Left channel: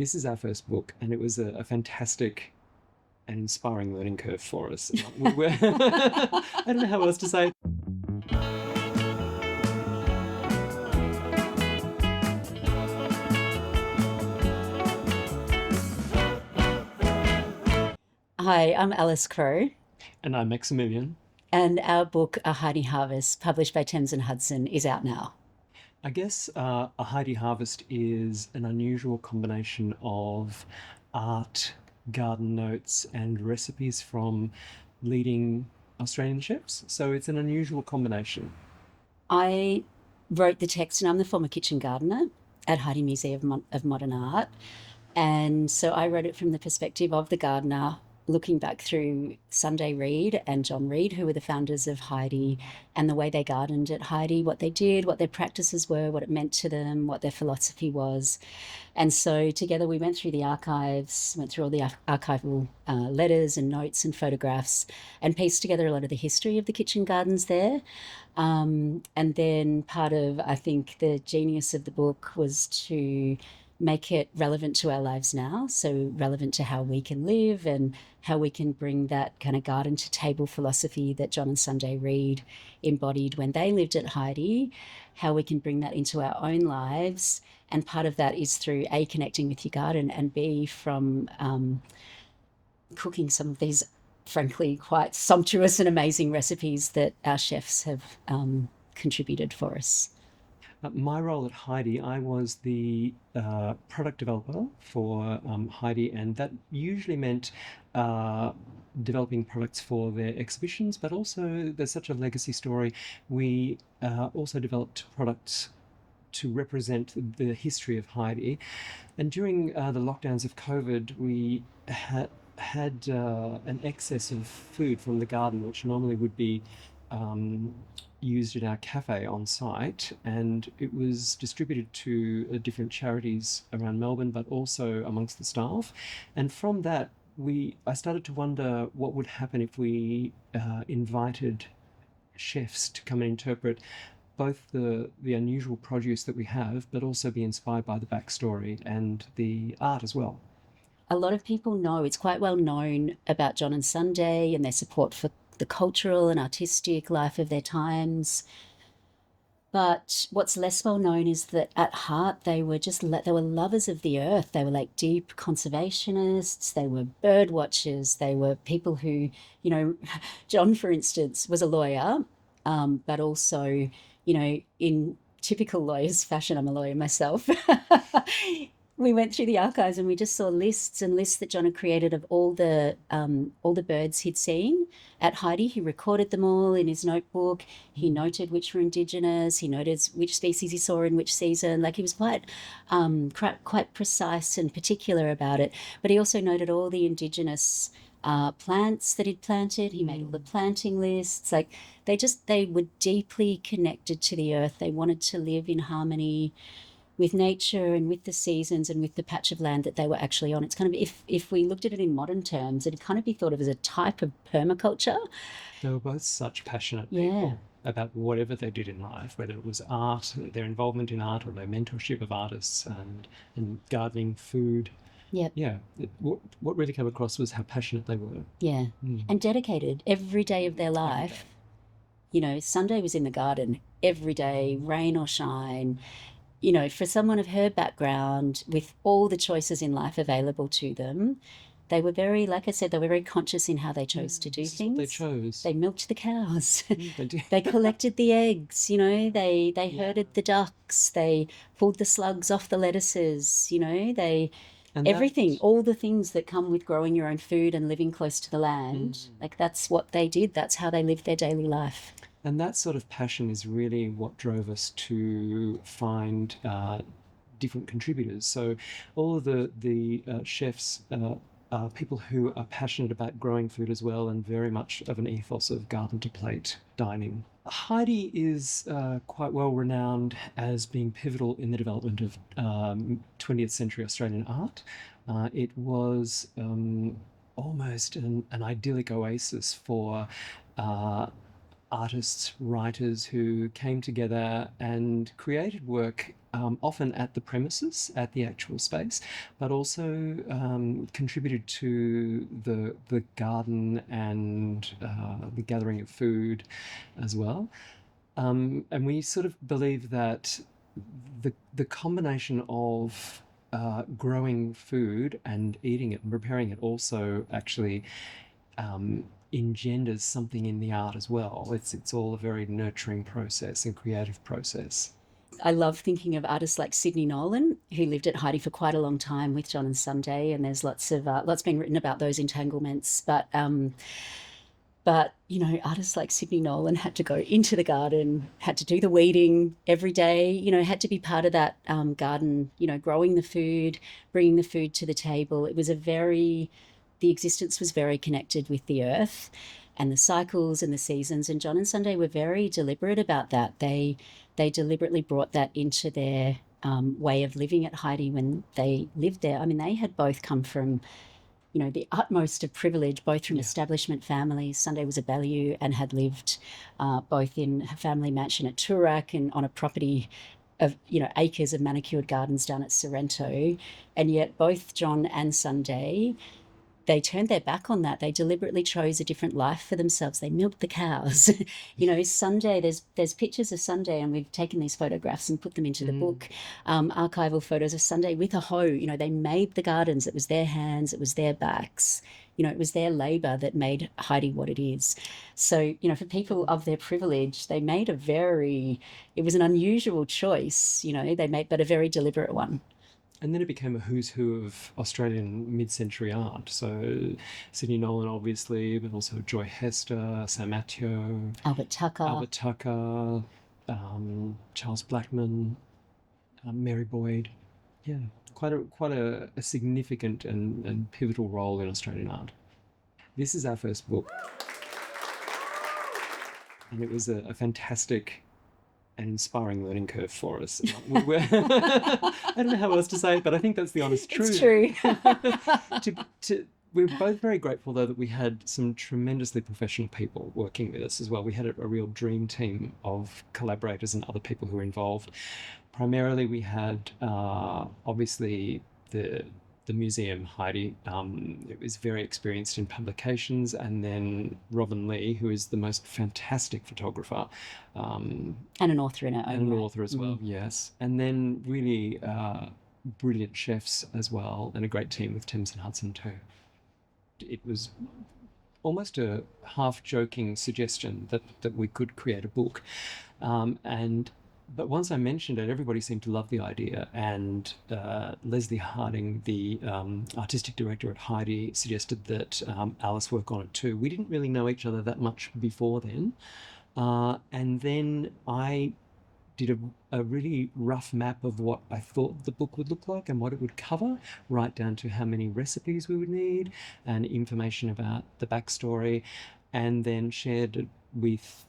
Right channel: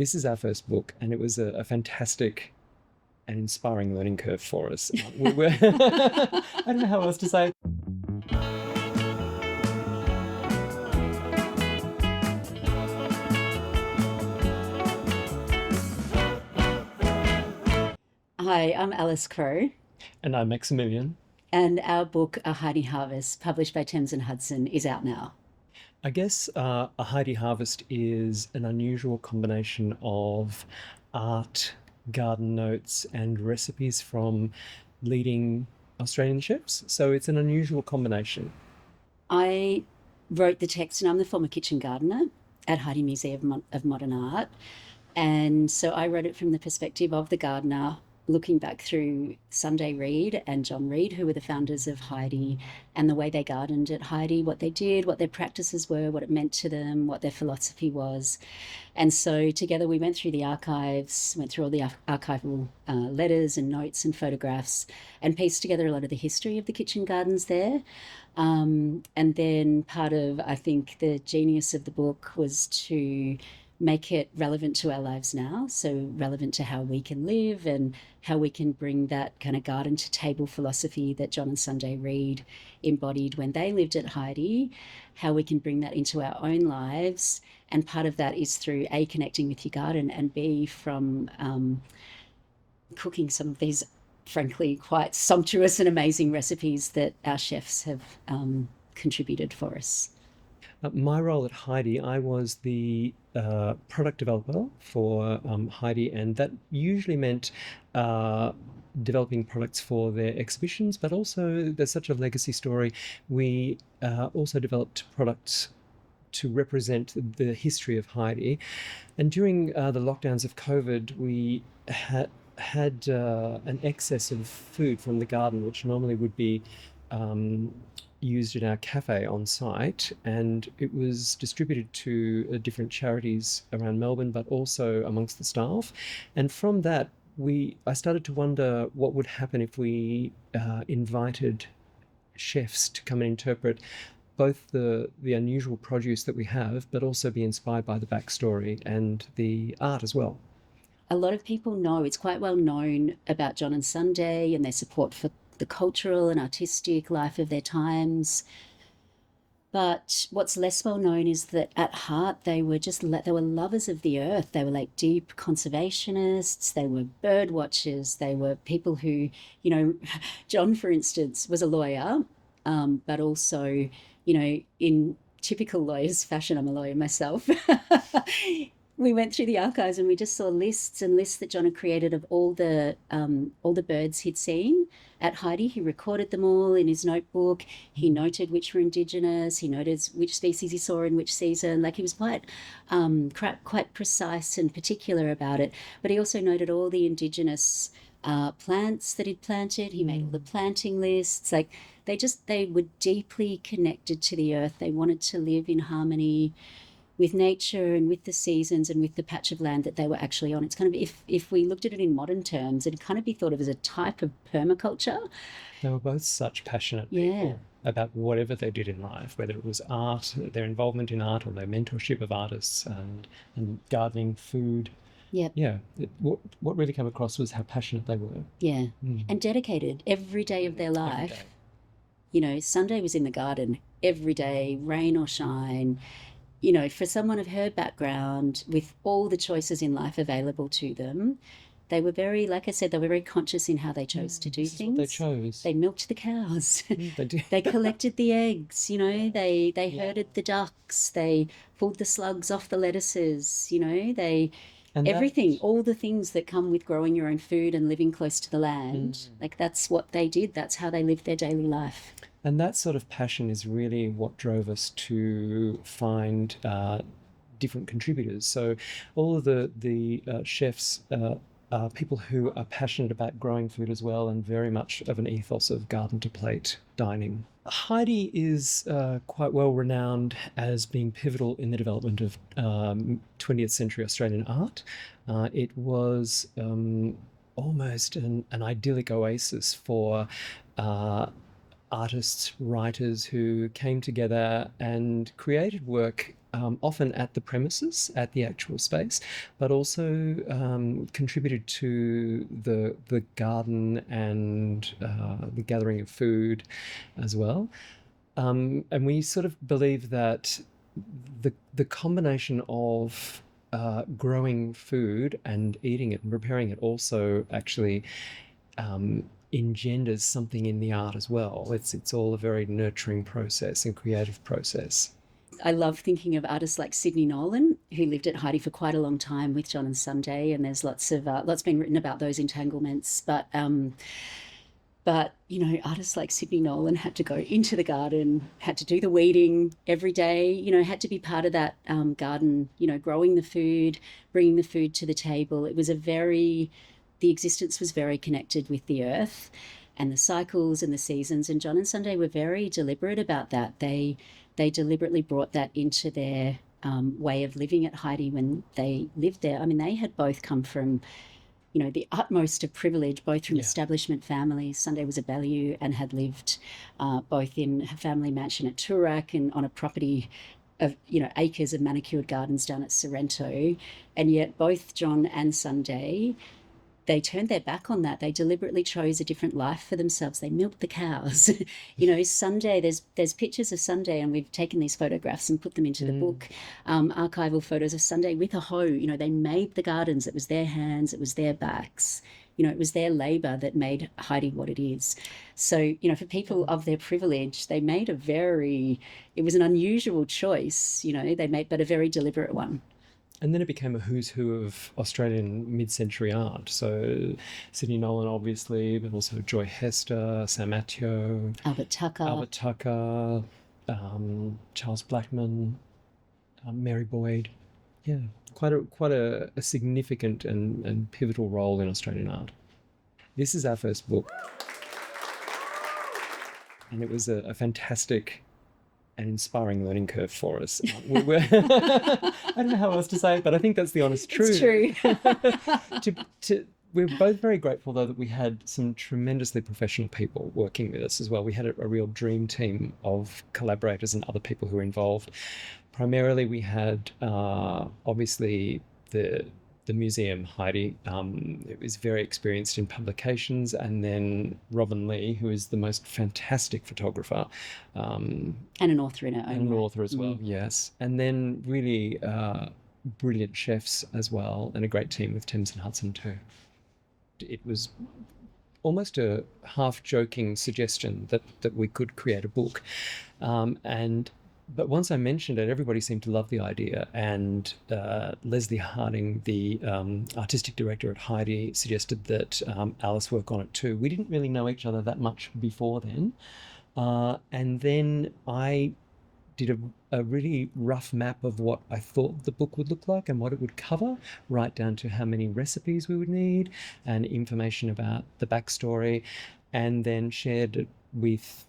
this is our first book, and it was a fantastic and inspiring learning curve for us. We were I don't know how else to say. Hi, I'm Alice Crowe, And I'm Maximilian. and our book, A Heide Harvest, published by Thames and Hudson, is out now. I guess A Heide Harvest is an unusual combination of art, garden notes, and recipes from leading Australian chefs. So it's an unusual combination. I wrote the text, and I'm the former kitchen gardener at Heide Museum of Modern Art. And so I wrote it from the perspective of the gardener, looking back through Sunday Reid and John Reid, who were the founders of Heide, and the way they gardened at Heide, what they did, what their practices were, what it meant to them, what their philosophy was. And so together we went through the archives, went through all the archival letters and notes and photographs, and pieced together a lot of the history of the kitchen gardens there. And then part of, I think, the genius of the book was to make it relevant to our lives now, so relevant to how we can live and how we can bring that kind of garden to table philosophy that John and Sunday Reid embodied when they lived at Heide, how we can bring that into our own lives. And part of that is through A, connecting with your garden, and B, from cooking some of these frankly quite sumptuous and amazing recipes that our chefs have contributed for us. My role at Heide, I was the product developer for Heide, and that usually meant developing products for their exhibitions, but also there's such a legacy story. We also developed products to represent the history of Heide. And during the lockdowns of COVID, we had an excess of food from the garden, which normally would be used in our cafe on site, and it was distributed to different charities around Melbourne, but also amongst the staff. And from that, I started to wonder what would happen if we invited chefs to come and interpret both the unusual produce that we have, but also be inspired by the backstory and the art as well. A lot of people know, it's quite well known about John and Sunday and their support for the cultural and artistic life of their times. But what's less well known is that at heart they were lovers of the earth. They were like deep conservationists. They were bird watchers. They were people who, John, for instance, was a lawyer, but also, in typical lawyers' fashion, I'm a lawyer myself. We went through the archives and we just saw lists and lists that John had created of all the birds he'd seen at Heide. He recorded them all in his notebook. He noted which were Indigenous. He noted which species he saw in which season. Like, he was quite precise and particular about it. But he also noted all the Indigenous plants that he'd planted. He made all the planting lists. Like, they were deeply connected to the earth. They wanted to live in harmony with nature and with the seasons and with the patch of land that they were actually on. It's kind of, if we looked at it in modern terms, it'd kind of be thought of as a type of permaculture. They were both such passionate people about whatever they did in life, whether it was art, their involvement in art, or their mentorship of artists, and gardening, food. What really came across was how passionate they were. And dedicated every day of their life. Sunday was in the garden every day, rain or shine. For someone of her background, with all the choices in life available to them, they were very, like I said, they were very conscious in how they chose to do things. They chose. They milked the cows. They did. They collected the eggs. They herded the ducks. They pulled the slugs off the lettuces. Everything, all the things that come with growing your own food and living close to the land. Like, that's what they did. That's how they lived their daily life. And that sort of passion is really what drove us to find different contributors. So all of the chefs are people who are passionate about growing food as well, and very much of an ethos of garden to plate dining. Heide is quite well renowned as being pivotal in the development of 20th century Australian art. It was almost an idyllic oasis for artists, writers who came together and created work often at the premises, at the actual space, but also contributed to the garden and the gathering of food as well. And we sort of believe that the combination of growing food and eating it and preparing it also actually engenders something in the art as well. It's all a very nurturing process and creative process. I love thinking of artists like Sydney Nolan, who lived at Heide for quite a long time with John and Sunday, and there's lots been written about those entanglements. But you know, artists like Sydney Nolan had to go into the garden, had to do the weeding every day. You know, had to be part of that garden. You know, growing the food, bringing the food to the table. It was the existence was very connected with the earth and the cycles and the seasons. And John and Sunday were very deliberate about that. They deliberately brought that into their way of living at Heide when they lived there. I mean, they had both come from, you know, the utmost of privilege, both from establishment families. Sunday was a Baillieu and had lived both in her family mansion at Toorak and on a property of, you know, acres of manicured gardens down at Sorrento. And yet both John and Sunday, they turned their back on that. They deliberately chose a different life for themselves. They milked the cows. You know, Sunday, there's pictures of Sunday, and we've taken these photographs and put them into the book, archival photos of Sunday with a hoe. You know, they made the gardens. It was their hands. It was their backs. You know, it was their labour that made Heide what it is. So, you know, for people of their privilege, they made it was an unusual choice, you know, but a very deliberate one. And then it became a who's who of Australian mid-century art. So Sydney Nolan, obviously, but also Joy Hester, Sam Attio, Albert Tucker, Charles Blackman, Mary Boyd. Yeah, quite a significant and pivotal role in Australian art. This is our first book, and it was a fantastic an inspiring learning curve for us. I don't know how else to say it, but I think that's the honest truth. It's true. We're both very grateful, though, that we had some tremendously professional people working with us as well. We had a real dream team of collaborators and other people who were involved. Primarily, we had obviously the museum, Heide. It was very experienced in publications, and then Robin Lee, who is the most fantastic photographer. And an author in her own right. And an author as well, yes. And then really brilliant chefs as well, and a great team with Thames and Hudson too. It was almost a half-joking suggestion that we could create a book. But once I mentioned it, everybody seemed to love the idea. And Leslie Harding, the artistic director at Heide, suggested that Alice work on it too. We didn't really know each other that much before then. And then I did a really rough map of what I thought the book would look like and what it would cover, right down to how many recipes we would need and information about the backstory, and then shared it with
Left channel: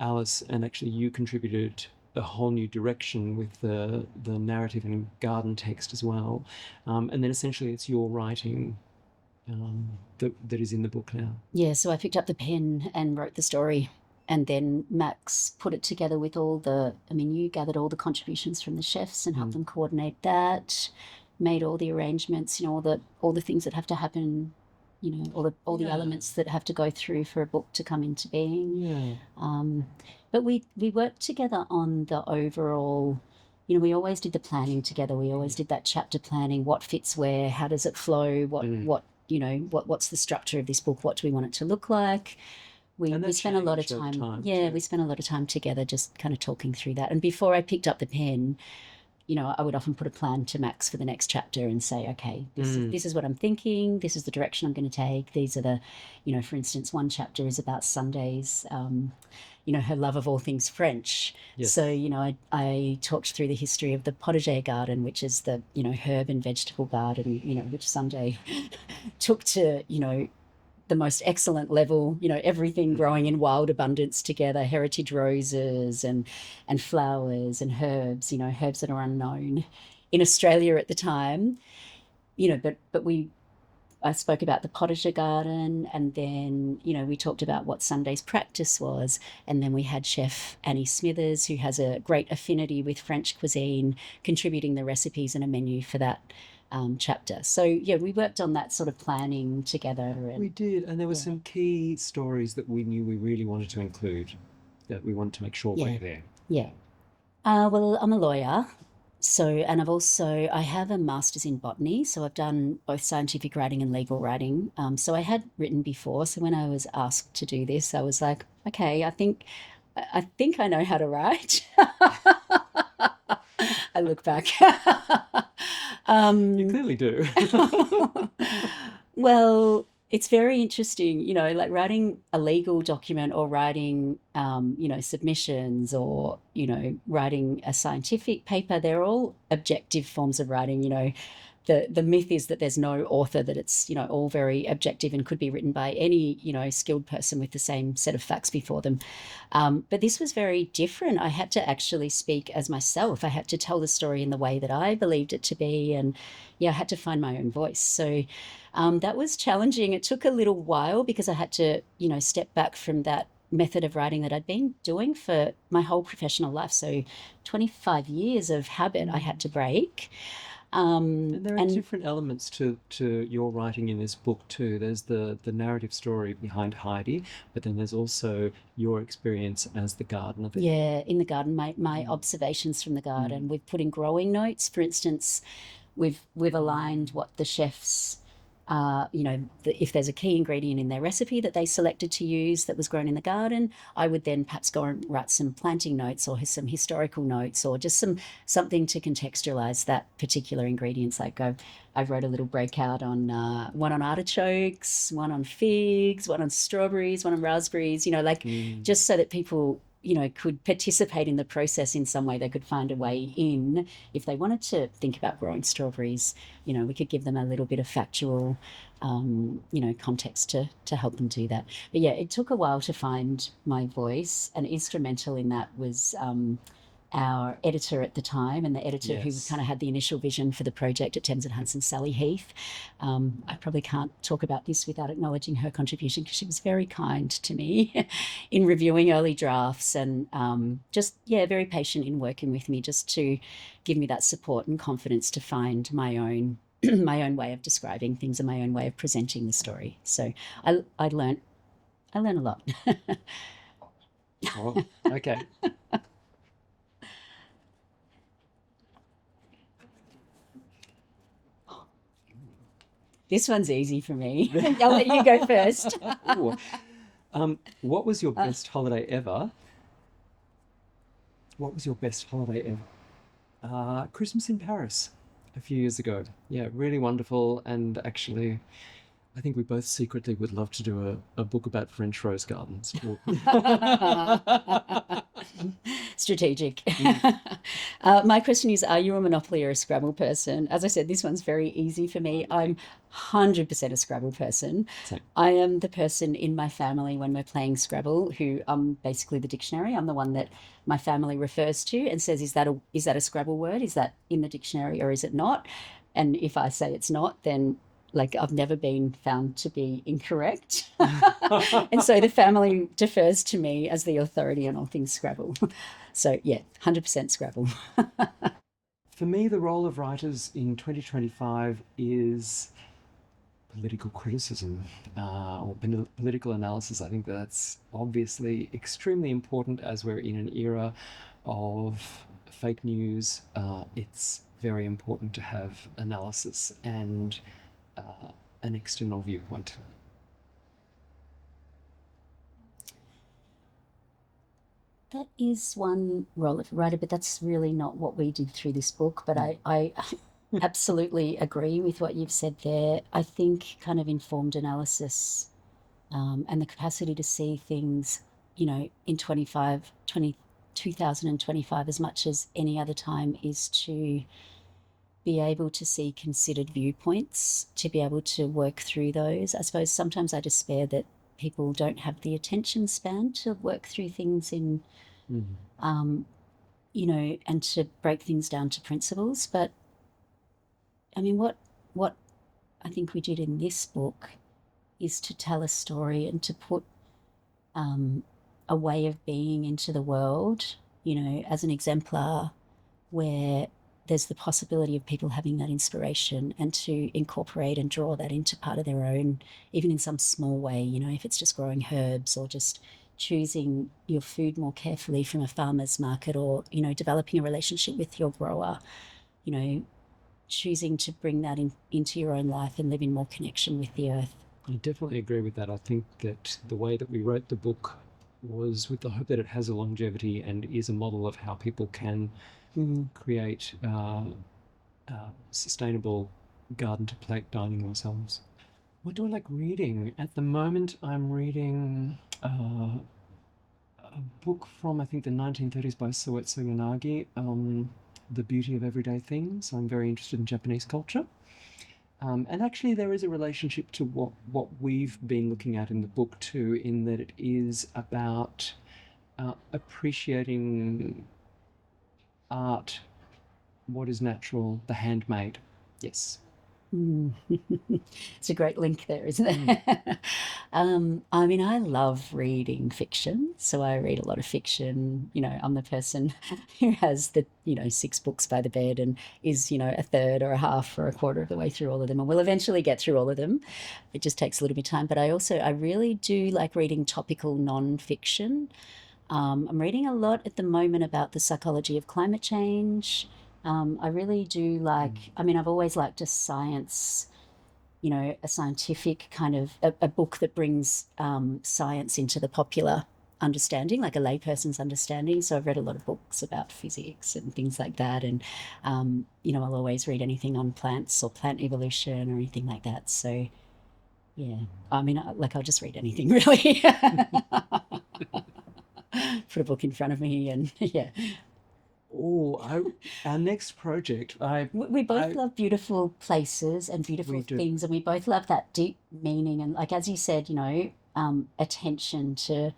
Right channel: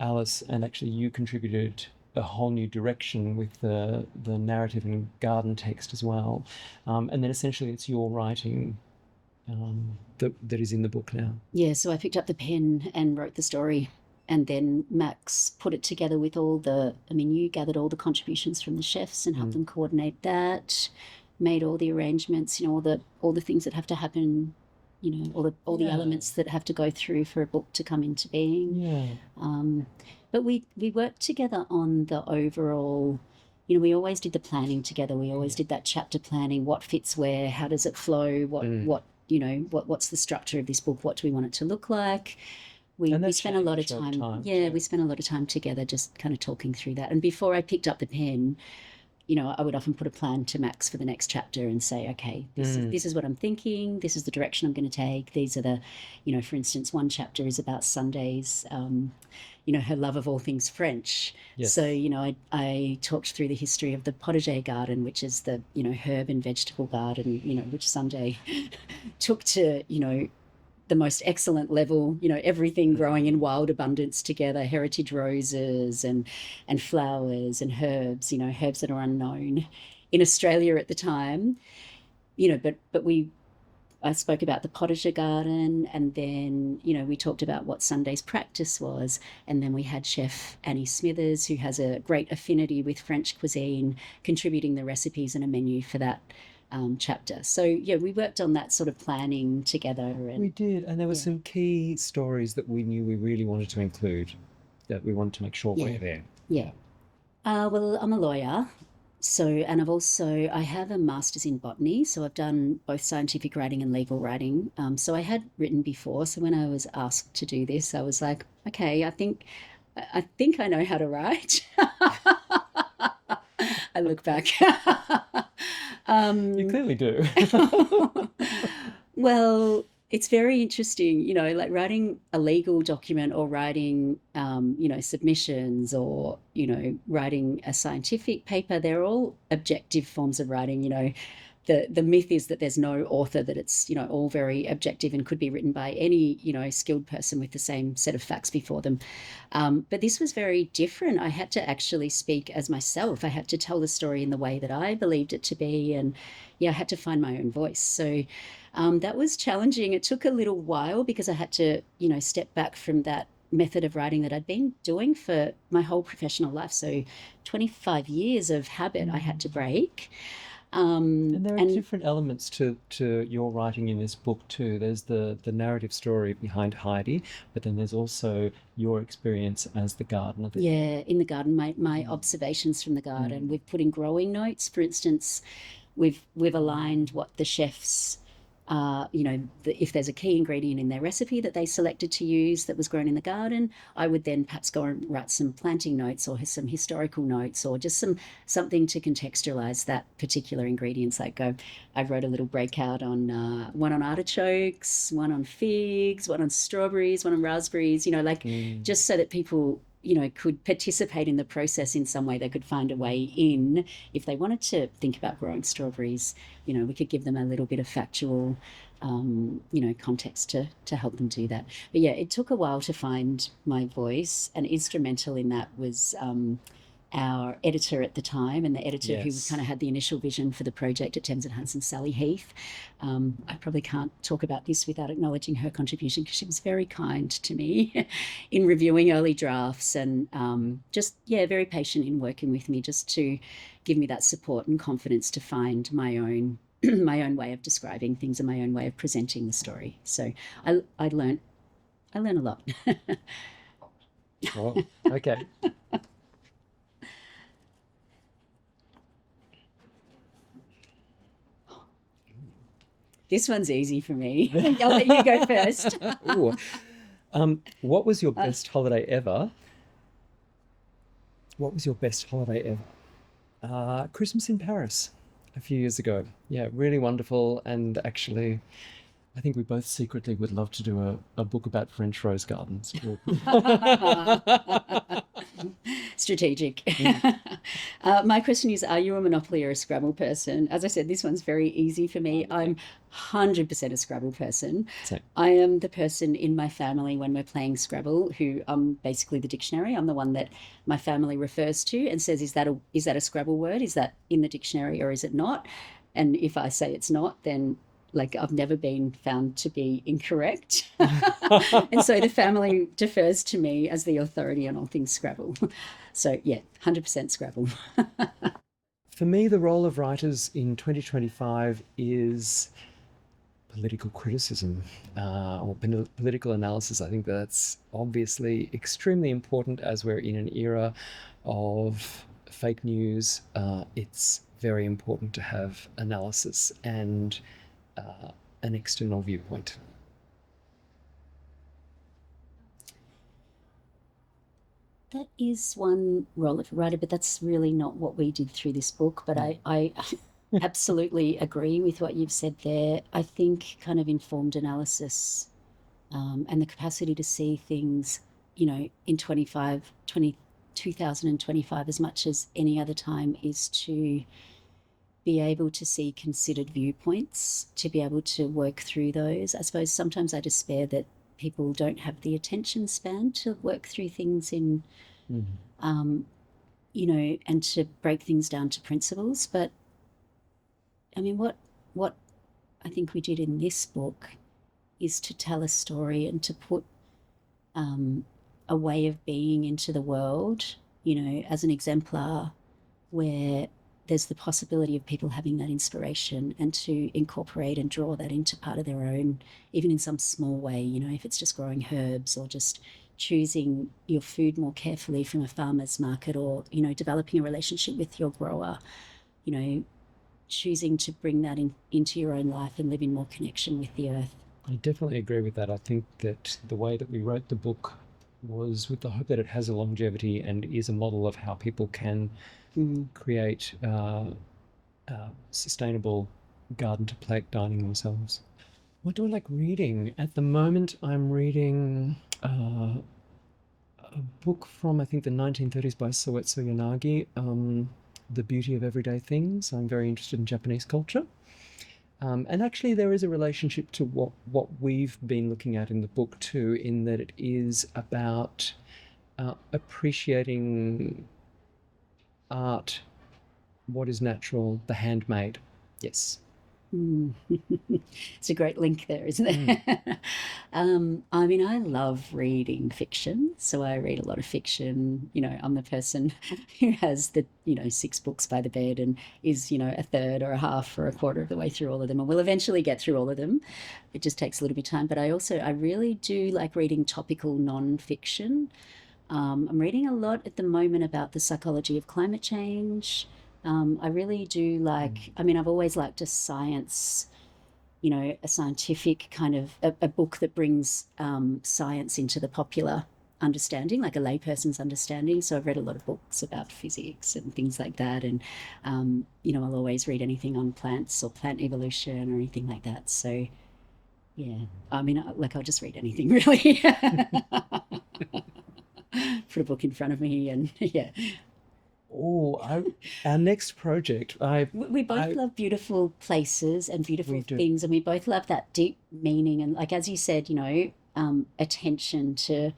Alice, and actually you contributed a whole new direction with the narrative and garden text as well. And then essentially it's your writing that is in the book now. Yeah, so I picked up the pen and wrote the story, and then Max put it together with you gathered all the contributions from the chefs and helped them coordinate that, made all the arrangements, you know, all the things that have to happen, you know, all the elements that have to go through for a book to come into being. Yeah. But we worked together on the overall, you know, we always did the planning together. We always did that chapter planning, what fits where, how does it flow, what's the structure of this book, what do we want it to look like. We spent a lot of time. We spent a lot of time together just kind of talking through that. And before I picked up the pen, you know, I would often put a plan to Max for the next chapter and say, okay, this is what I'm thinking. This is the direction I'm going to take. These are the, you know, for instance, one chapter is about Sunday's, you know, her love of all things French. Yes. So, you know, I talked through the history of the potager garden, which is the, you know, herb and vegetable garden, you know, which Sunday took to, you know, the most excellent level, you know, everything growing in wild abundance together, heritage roses and flowers and herbs, you know, herbs that are unknown in Australia at the time, you know, but I spoke about the potager garden, and then, we talked about what Sunday's practice was. And then we had Chef Annie Smithers, who has a great affinity with French cuisine, contributing the recipes and a menu for that chapter. So, yeah, we worked on that sort of planning together. We And did, and there were yeah, some key stories that we knew we really wanted to include, that we wanted to make sure yeah, were there. yeah. Well, I'm a lawyer. So, and I have a master's in botany. So I've done both scientific writing and legal writing. So I had written before. So when I was asked to do this, I was like, okay, I think I know how to write. I look back. You um, clearly do. well, it's very interesting, like writing a legal document or writing, submissions or, writing a scientific paper. They're all objective forms of writing. The myth is that there's no author, that it's, all very objective and could be written by any, skilled person with the same set of facts before them. But this was very different. I had to actually speak as myself. I had to tell the story in the way that I believed it to be. And yeah, I had to find my own voice. So that was challenging. It took a little while because I had to, step back from that method of writing that I'd been doing for my whole professional life. So 25 years of habit I had to break. And there are And different elements to your writing in this book too. There's the narrative story behind Heidi, but then there's also your experience as the gardener there. yeah, in the garden, my Mm, observations from the garden. mm, We've put in growing notes. For instance, we've aligned what the chefs, if there's a key ingredient in their recipe that they selected to use that was grown in the garden, I would then perhaps go and write some planting notes or some historical notes or just something to contextualize that particular ingredients. Like I've wrote a little breakout on one on artichokes, one on figs, one on strawberries, one on raspberries. Like mm. just so that people, could participate in the process in some way. They could find a way in if they wanted to think about growing strawberries. We could give them a little bit of factual, context to help them do that. But yeah, it took a while to find my voice, and instrumental in that was our editor at the time, and the editor who Yes. kind of had the initial vision for the project at Thames and Hudson, Sally Heath. I probably can't talk about this without acknowledging her contribution, because she was very kind to me in reviewing early drafts, and just, yeah, very patient in working with me just to give me that support and confidence to find my own my own way of describing things and my own way of presenting the story. So I learned a lot. Well, okay. This one's easy for me. I'll let you go first. Ooh. What was your best holiday ever? What was your best holiday ever? Christmas in Paris a few years ago. Yeah, really wonderful. And actually, I think we both secretly would love to do a book about French rose gardens. Strategic. Mm, My question is, are you a Monopoly or a Scrabble person? As I said, this one's very easy for me. okay. I'm 100% a Scrabble person. So, I am the person in my family when we're playing Scrabble who I'm basically the dictionary. I'm the one that my family refers to and says, is that a Scrabble word? Is that in the dictionary or is it not? And if I say it's not, then like I've never been found to be incorrect. And so the family defers to me as the authority on all things Scrabble. So yeah, 100% Scrabble. for me, the role of writers in 2025 is political criticism or political analysis. I think that's obviously extremely important as we're in an era of fake news. It's very important to have analysis and an external viewpoint. That is one role of a writer, but that's really not what we did through this book. But Mm. I absolutely agree with what you've said there. I think kind of informed analysis, and the capacity to see things, in 2025 as much as any other time is to be able to see considered viewpoints, to be able to work through those. I suppose sometimes I despair that people don't have the attention span to work through things Mm. um, and to break things down to principles. But I mean, what I think we did in this book is to tell a story and to put a way of being into the world, as an exemplar where there's the possibility of people having that inspiration and to incorporate and draw that into part of their own, even in some small way, if it's just growing herbs or just choosing your food more carefully from a farmer's market, or, developing a relationship with your grower, choosing to bring that into your own life and live in more connection with the earth. I definitely agree with that. I think that the way that we wrote the book was with the hope that it has a longevity and is a model of how people can create sustainable garden to plate dining themselves. What do I like reading? At the moment, I'm reading a book from, I think, the 1930s by Soetsu Yanagi, The Beauty of Everyday Things. I'm very interested in Japanese culture. And actually, there is a relationship to what we've been looking at in the book too, in that it is about appreciating art, what is natural, the handmade. Yes. It's a great link there, isn't it? I love reading fiction, so I read a lot of fiction. I'm the person who has the 6 books by the bed and is a third or a half or a quarter of the way through all of them, and will eventually get through all of them. It just takes a little bit of time, but I really do like reading topical non-fiction. I'm reading a lot at the moment about the psychology of climate change. I really do like, I've always liked a science, a scientific kind of a book that brings science into the popular understanding, like a layperson's understanding. So I've read a lot of books about physics and things like that. And, I'll always read anything on plants or plant evolution or anything like that. So, yeah, I'll just read anything really. Put a book in front of me and yeah. Our next project. We both love beautiful places and beautiful things, and we both love that deep meaning. And like as you said, attention to,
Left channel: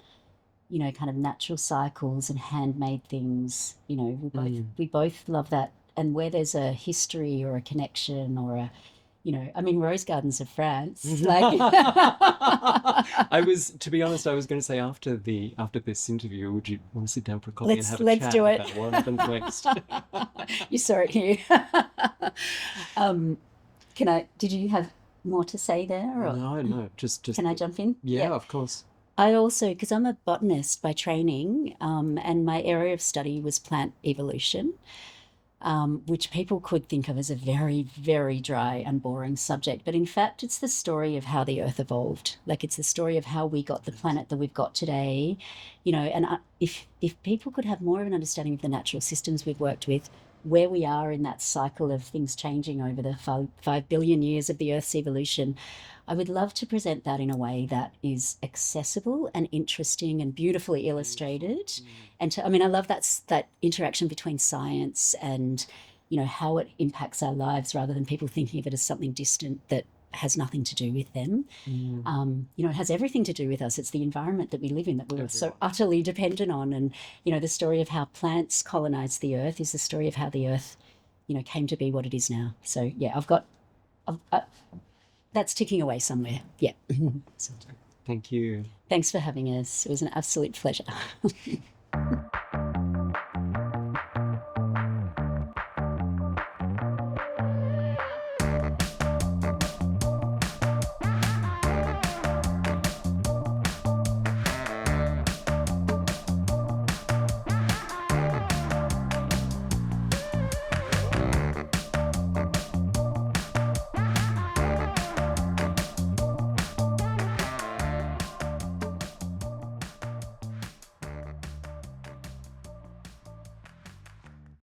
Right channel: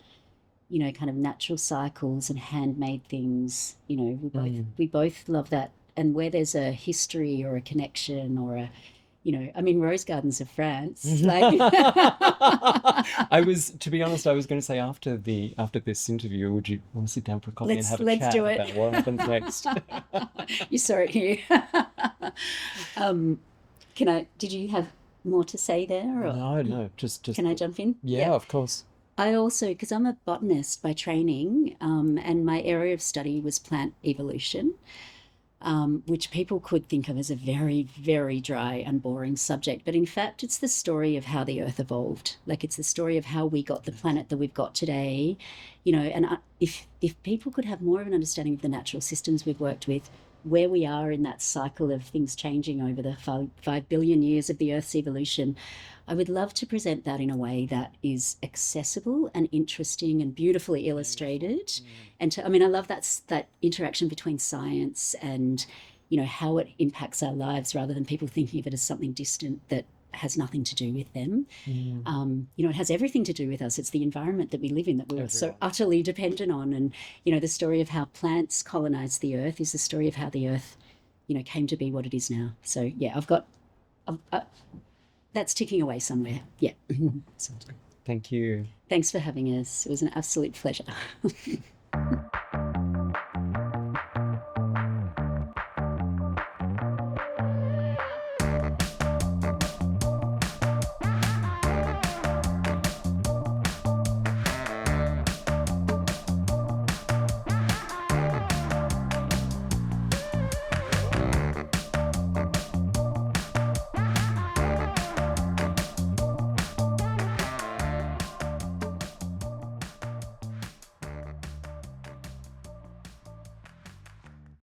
kind of natural cycles and handmade things. We both love that. And where there's a history or a connection or a, rose gardens of France. Like... To be honest, I was going to say after this interview, would you want to sit down for a coffee and have a chat about what happens next? You saw it here. Did you have more to say there? Or? No, just. Can I jump in? Yeah, of course. I also, because I'm a botanist by training, and my area of study was plant evolution. Which people could think of as a very, very dry and boring subject. But in fact, it's the story of how the earth evolved. Like it's the story of how we got the planet that we've got today. And if people could have more of an understanding of the natural systems we've worked with, where we are in that cycle of things changing over the 5 billion years of the Earth's evolution, I would love to present that in a way that is accessible and interesting and beautifully illustrated. And I love that interaction between science and, how it impacts our lives rather than people thinking of it as something distant that has nothing to do with them. It has everything to do with us. It's the environment that we live in that we're so utterly dependent on. And, the story of how plants colonized the earth is the story of how the earth, came to be what it is now. So, yeah, that's ticking away somewhere. Yeah. Sounds good. Thank you. Thanks for having us. It was an absolute pleasure.